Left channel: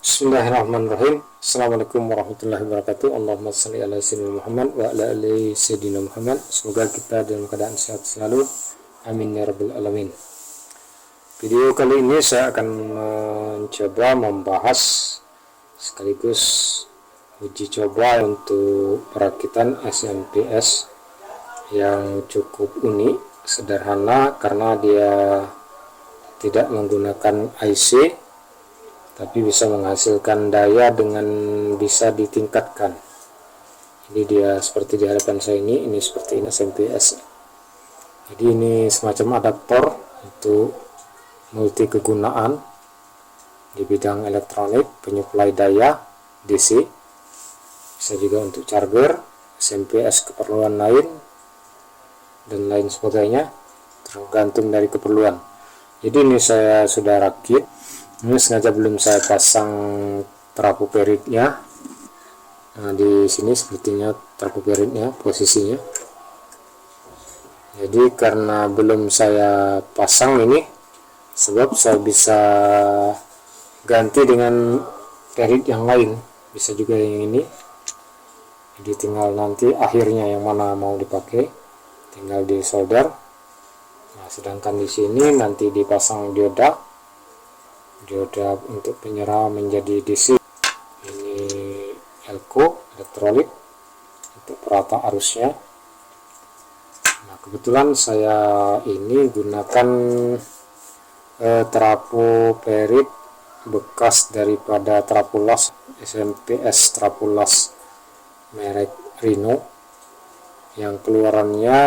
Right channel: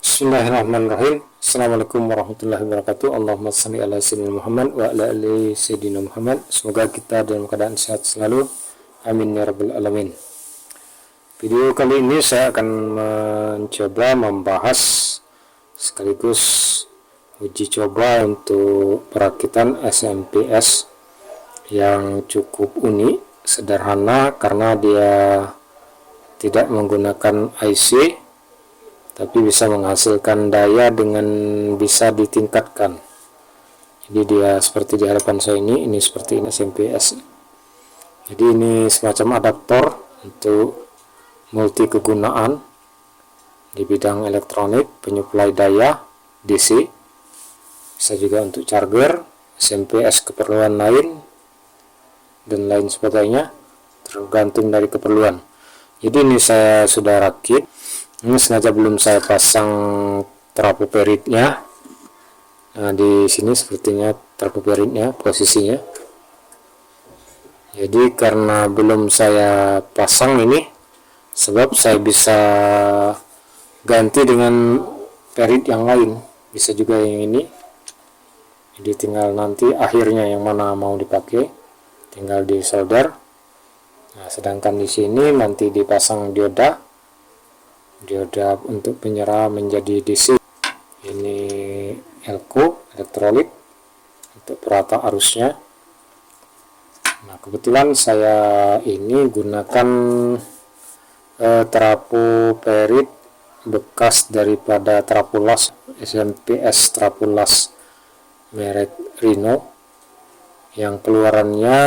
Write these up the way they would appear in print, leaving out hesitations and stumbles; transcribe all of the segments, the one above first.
Bismillahirrahmanirrahim. Assalamualaikum warahmatullahi wabarakatuh. Allahumma shalli ala sayyidina Muhammad wa ala ali sayyidina Muhammad. Semoga kita dalam keadaan sehat selalu. Amin ya rabbal alamin. Video kali ini saya akan mencoba membahas sekaligus uji coba untuk perakitan SMPS yang cukup unik, sederhana karena dia tidak menggunakan IC, tapi bisa menghasilkan daya dengan bisa ditingkatkan. Jadi dia seperti di hadapan saya ini seperti ini SMPS. Jadi ini semacam adaptor untuk multi kegunaan di bidang elektronik, penyuplai daya DC, bisa juga untuk charger, SMPS keperluan lain dan lain sebagainya, tergantung dari keperluan. Jadi ini saya sudah rakit. Ini sengaja belum saya pasang trafo peritnya. Nah, di sini sepertinya trafo peritnya posisinya. Jadi karena belum saya pasang ini, sebab saya bisa ganti dengan perit yang lain, bisa juga yang ini. Jadi tinggal nanti akhirnya yang mana mau dipakai, tinggal disolder. Nah, sedangkan di sini nanti dipasang dioda untuk penyerah menjadi DC. Ini elko elektrolit untuk perata arusnya. Nah, kebetulan saya ini gunakan trafo perit bekas daripada trafolas SMPS trafolas merek Rino, yang keluarannya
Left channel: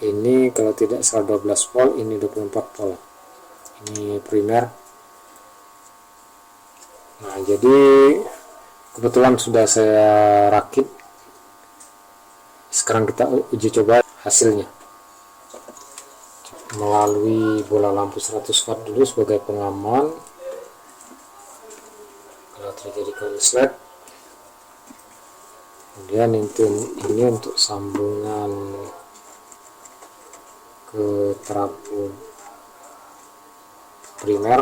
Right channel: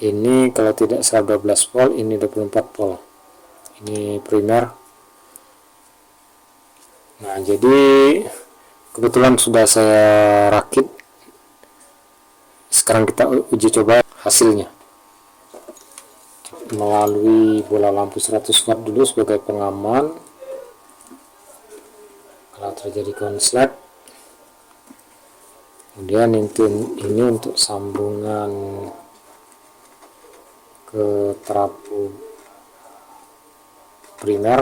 ini kalau tidak salah 12 volt, ini 24 volt. Ini primer. Nah, jadi kebetulan sudah saya rakit. Sekarang kita uji coba hasilnya melalui bola lampu 100 watt dulu sebagai pengaman kalau terjadi konslet. Kemudian ini untuk sambungan ke trafo primer,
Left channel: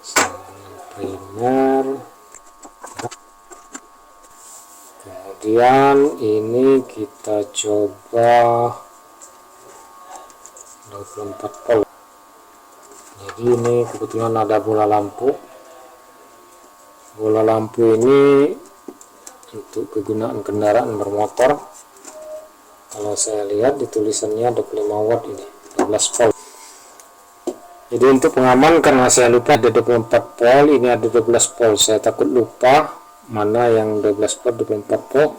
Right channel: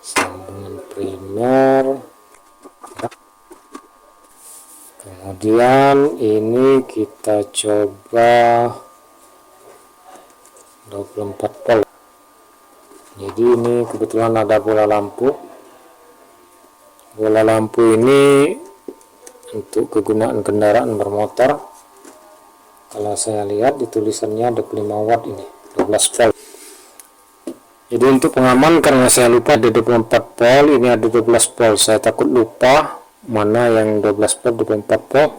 sambungan primer. Kemudian ini kita coba 24 volt. Jadi ini kebetulan ada bola lampu. Bola lampu ini untuk kegunaan kendaraan bermotor. Kalau saya lihat di tulisannya 25 watt, ini 12 volt. Jadi untuk pengaman, karena saya lupa ada 24 volt, ini ada 12 volt. Saya takut lupa mana yang 12 volt, 24 volt.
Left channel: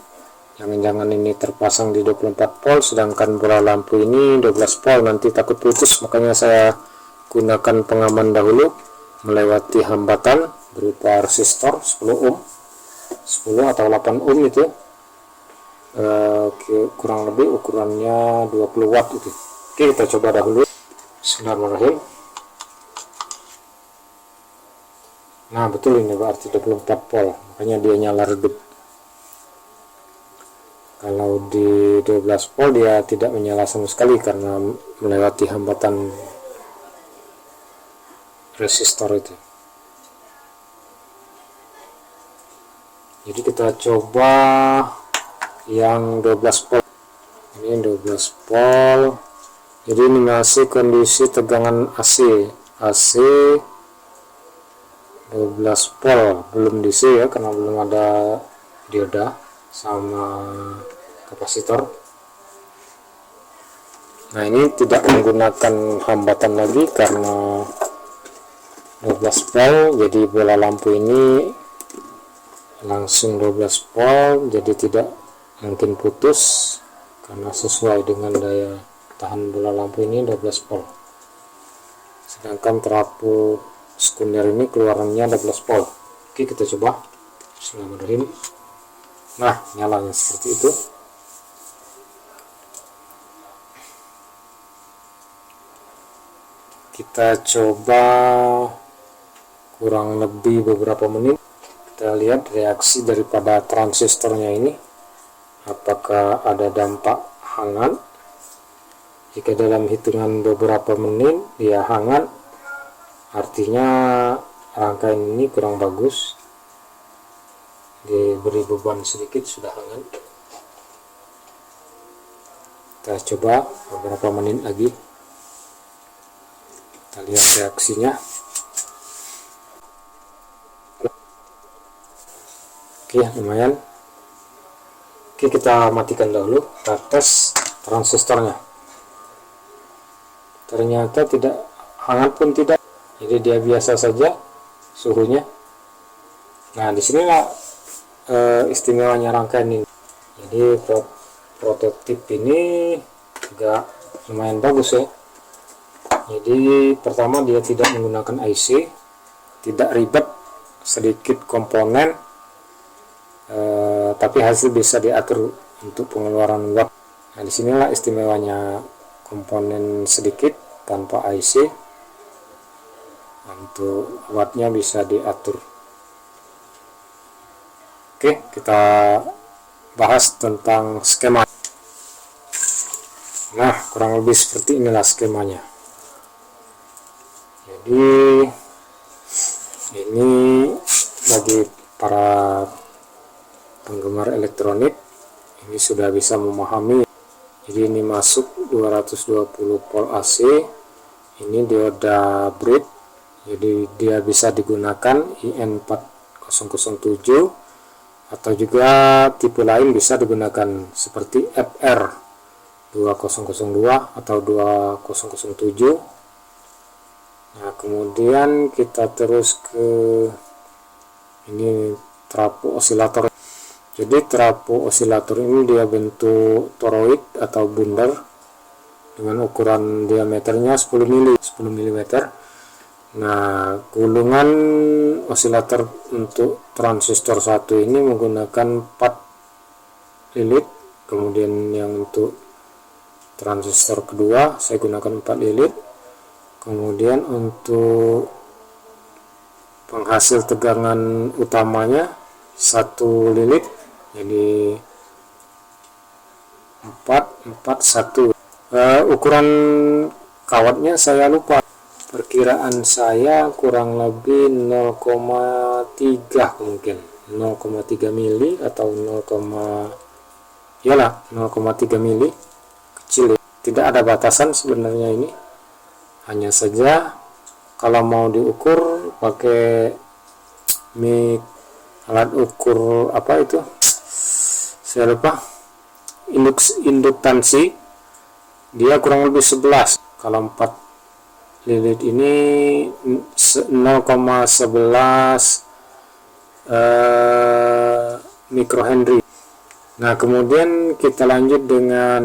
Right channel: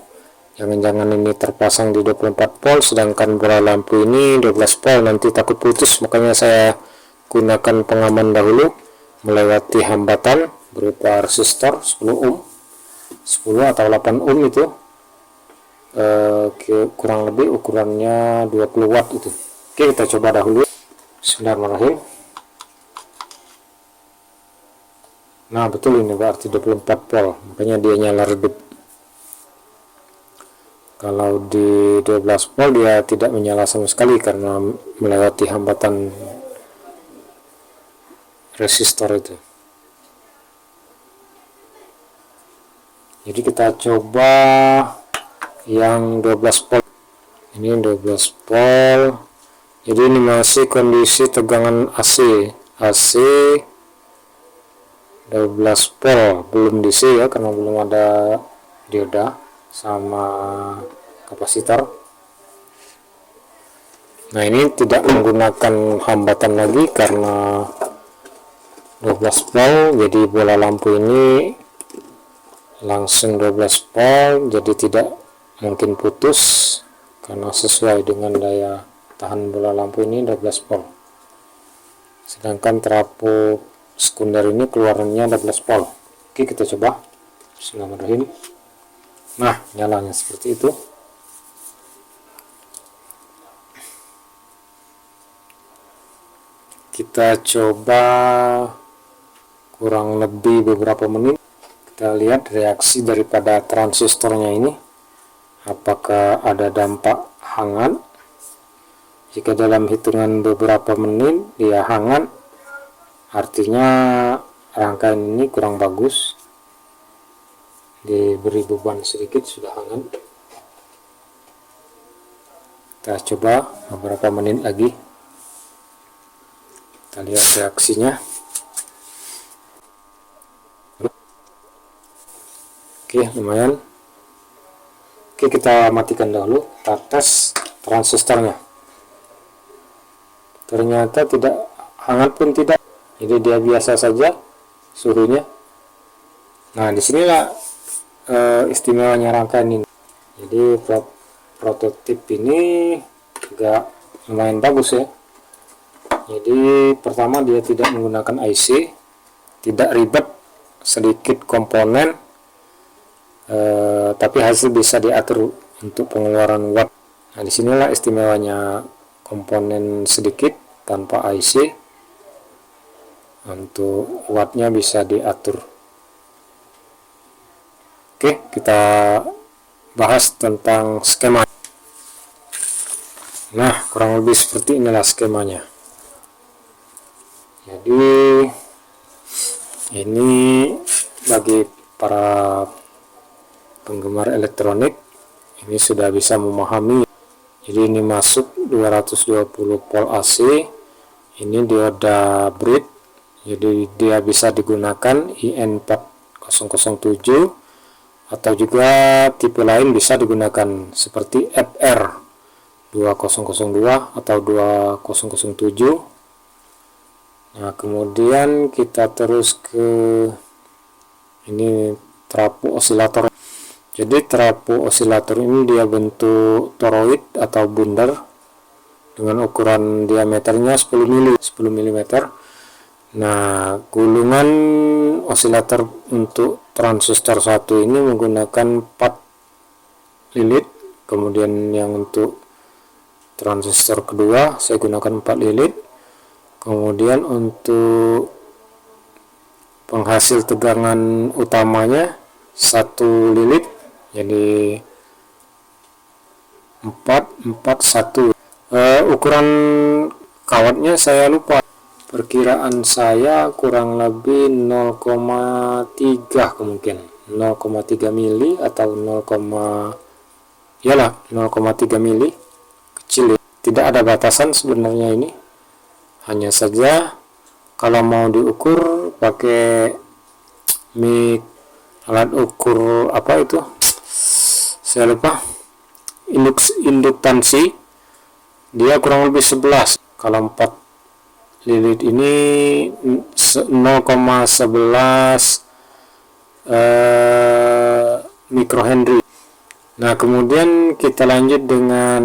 Jangan-jangan ini terpasang di 24 volt, sedangkan bola lampu ini 12 volt, nanti takut putus. Makanya saya gunakan pengaman dahulu melewati hambatan berupa resistor 10 ohm, 10 atau 8 ohm itu. Kurang lebih ukurannya 20 watt itu. Oke, kita coba dahulu. Bismillahirrahmanirrahim. Nah, betul, ini berarti 24 volt, makanya dia nyala redup. Kalau di 12 volt dia tidak menyala sama sekali karena melewati hambatan resistor itu. Jadi kita coba yang 12 volt. Ini 12 volt. Jadi ini masih kondisi tegangan AC 12 volt, belum DC ya, karena belum ada dioda sama kapasitor. Nah, ini tidak menggunakan hambatan lagi karena 12 volt, jadi bola lampu ini langsung 12 volt, jadi tidak mungkin putus karena sesuai dengan daya tahan bola lampu ini 12 volt. Sedangkan trafo sekunder ini keluarannya 12 volt. Oke, kita coba. Bismillahirrahmanirrahim. Nah, nyalanya seperti itu. Kita coba kurang lebih beberapa menit. Kita lihat reaksi daripada transistornya ini, apakah ada dampak hangat. Jika dalam hitungan beberapa menit dia hangat, artinya rangkaian ini kurang bagus, diberi beban sedikit sudah hangat. Kita coba beberapa menit lagi, kita lihat reaksinya. Oke, lumayan. Oke, kita matikan dahulu, kita tes transistornya. Ternyata tidak hangat pun tidak, jadi dia biasa saja suhunya. Nah, disinilah istimewanya rangkaian ini. Jadi prototip ini juga lumayan bagus ya. Jadi pertama dia tidak menggunakan IC, tidak ribet, sedikit komponen, tapi hasil bisa diatur untuk pengeluaran watt. Nah, disinilah istimewanya komponen sedikit tanpa IC, untuk wattnya bisa diatur. Oke, kita bahas tentang skema. Nah, kurang lebih seperti inilah skemanya. Jadi ini bagi para penggemar elektronik ini sudah bisa memahami. Jadi ini masuk 220 volt AC, ini dioda bridge, jadi dia bisa digunakan IN4007 atau juga tipe lain bisa digunakan seperti FR 2002 atau 2007. Nah, kemudian kita terus ke ini trafo osilator. Jadi trafo osilator ini dia bentuk toroid atau bundar dengan ukuran diameternya 10 mm. Nah, gulungan osilator untuk transistor 1 ini menggunakan 4 lilit, kemudian yang untuk transistor kedua saya gunakan 4 lilit, kemudian untuk penghasil tegangan utamanya 1 lilit, jadi 441. Ukuran kawatnya saya lupa, perkiraan saya kurang lebih 0,3 kemungkinan 0,3 mili atau 0,3 mili, kecil ya. Tidak ada batasan sebenarnya ini, hanya saja kalau mau diukur pakai alat ukur apa itu saya lupa, induktansi, dia kurang lebih 11. Kalau 4 lilit ini 0,11 mikrohenry. Nah, kemudian kita lanjut dengan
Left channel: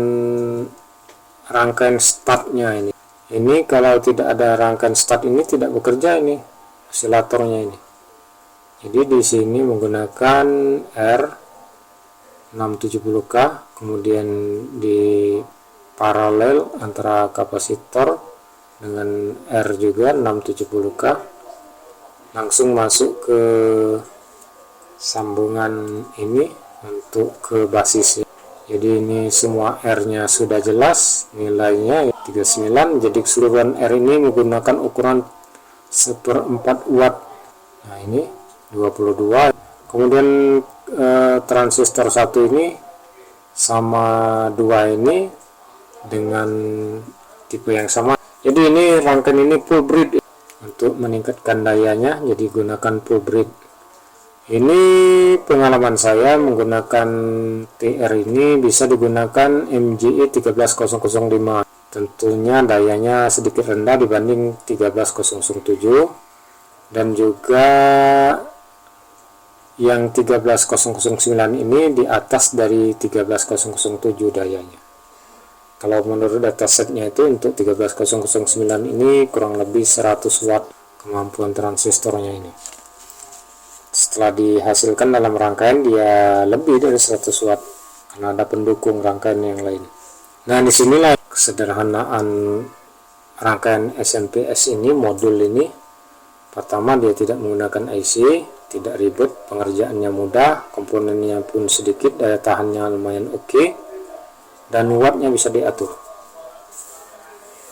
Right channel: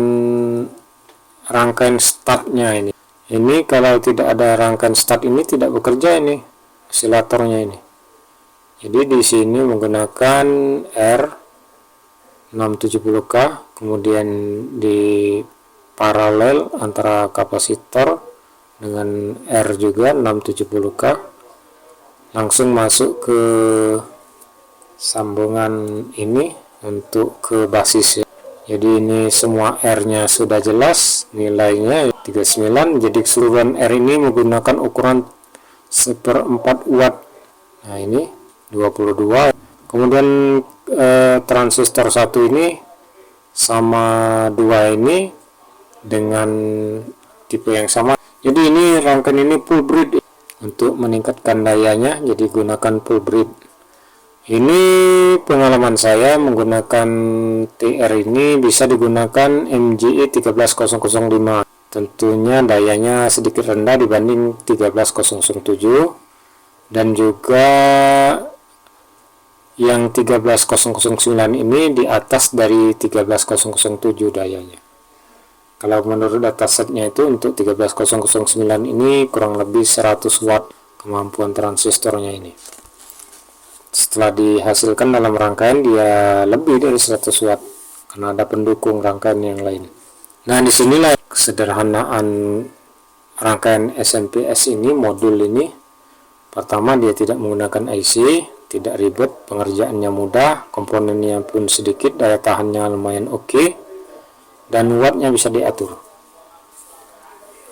rangkaian startnya ini. Ini kalau tidak ada rangkaian start ini tidak bekerja ini osilatornya ini. Jadi di sini menggunakan R670K, kemudian di paralel antara kapasitor dengan R juga 670K, langsung masuk ke sambungan ini untuk ke basis. Jadi ini semua R-nya sudah jelas, nilainya 39. Jadi keseluruhan R ini menggunakan ukuran 1/4 watt. Nah, ini 22. Kemudian transistor 1 ini sama 2 ini dengan tipe yang sama. Jadi ini rangkaian ini full bridge untuk meningkatkan dayanya, jadi gunakan full bridge. Ini pengalaman saya menggunakan TR ini bisa digunakan MGE 13005. Tentunya dayanya sedikit rendah dibanding 13007, dan juga yang 13009 ini di atas dari 13007 dayanya. Kalau menurut datasetnya itu untuk 13009 ini kurang lebih 100 watt kemampuan transistornya ini. Setelah dihasilkan dalam rangkaian dia lebih dari 100 watt karena ada pendukung rangkaian yang lain. Nah, disinilah kesederhanaan rangkaian SNPS ini, modul ini. Pertama, dia tidak menggunakan IC, tidak ribet, pengerjaannya mudah, komponennya pun sedikit, daya tahannya lumayan oke, dan wattnya bisa diatur.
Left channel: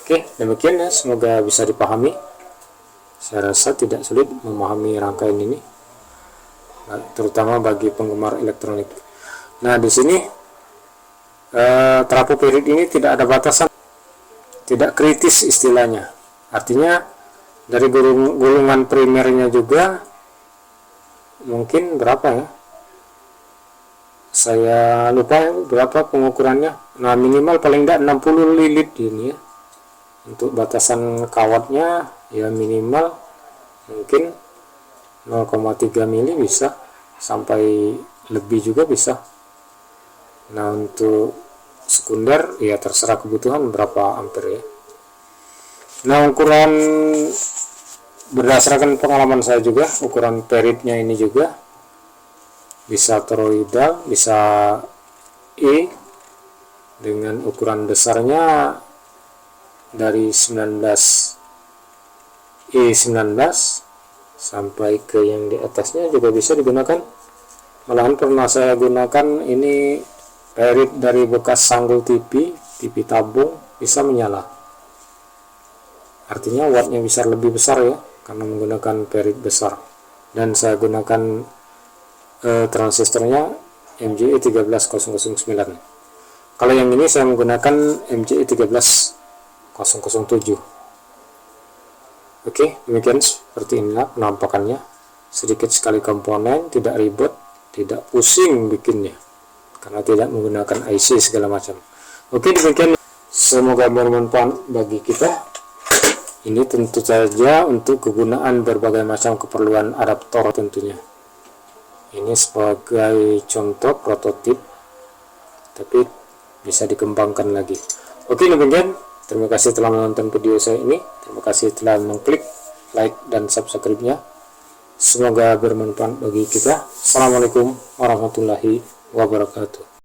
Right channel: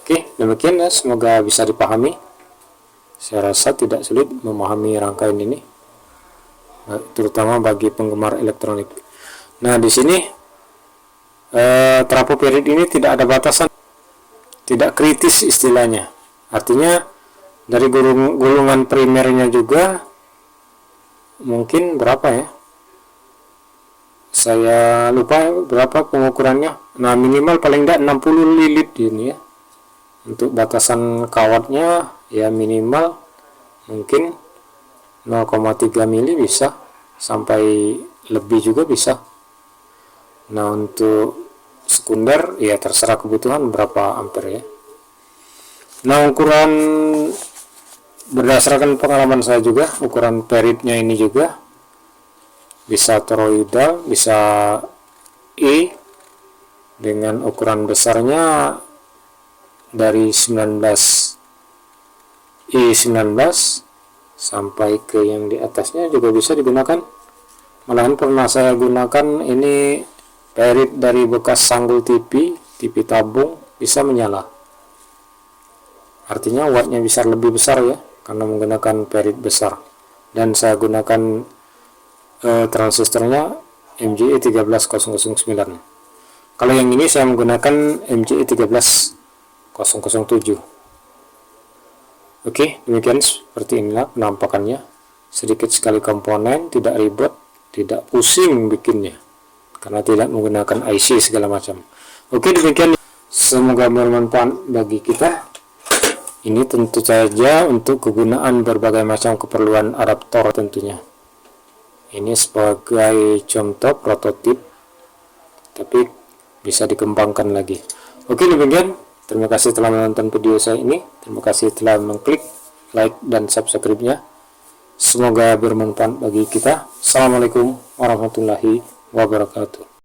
Oke, demikian ya, semoga bisa dipahami. Saya rasa tidak sulit memahami rangkaian ini, terutama bagi penggemar elektronik. Nah, di sini trafo period ini tidak ada batasan, tidak kritis istilahnya. Artinya dari gulungan primernya juga mungkin berapa ya, saya lupa berapa pengukurannya. Nah, minimal paling tidak 60 lilit ini ya. Untuk batasan kawatnya ya minimal mungkin 0,3 mili bisa, sampai lebih juga bisa. Nah, untuk sekunder ya terserah kebutuhan berapa ampere ya. Nah, ukuran berdasarkan pengalaman saya juga, ukuran peritnya ini juga bisa toroidal, bisa E, dengan ukuran besarnya dari 19 sampai ke yang di atasnya juga bisa digunakan. Malahan pernah saya gunakan ini perit dari bekas sanggul TV tabung, bisa menyala. Artinya wattnya bisa lebih besar ya, karena menggunakan perit besar. Dan saya gunakan transistornya MJE 13009. Kalau yang ini saya menggunakan MJE 13007. Oke, demikian seperti inilah penampakannya. Sedikit sekali komponen, tidak ribet, tidak pusing bikinnya, karena tidak menggunakan IC segala macam. Oke, demikian. Semoga bermanfaat bagi kita. Ini tentu saja untuk kegunaan berbagai macam keperluan adaptor tentunya. Ini sebagai contoh prototip, tapi bisa dikembangkan lagi. Oke, demikian. Terima kasih telah menonton video saya ini. Terima kasih telah mengklik like dan subscribe-nya. Semoga bermanfaat bagi kita. Assalamualaikum warahmatullahi wabarakatuh.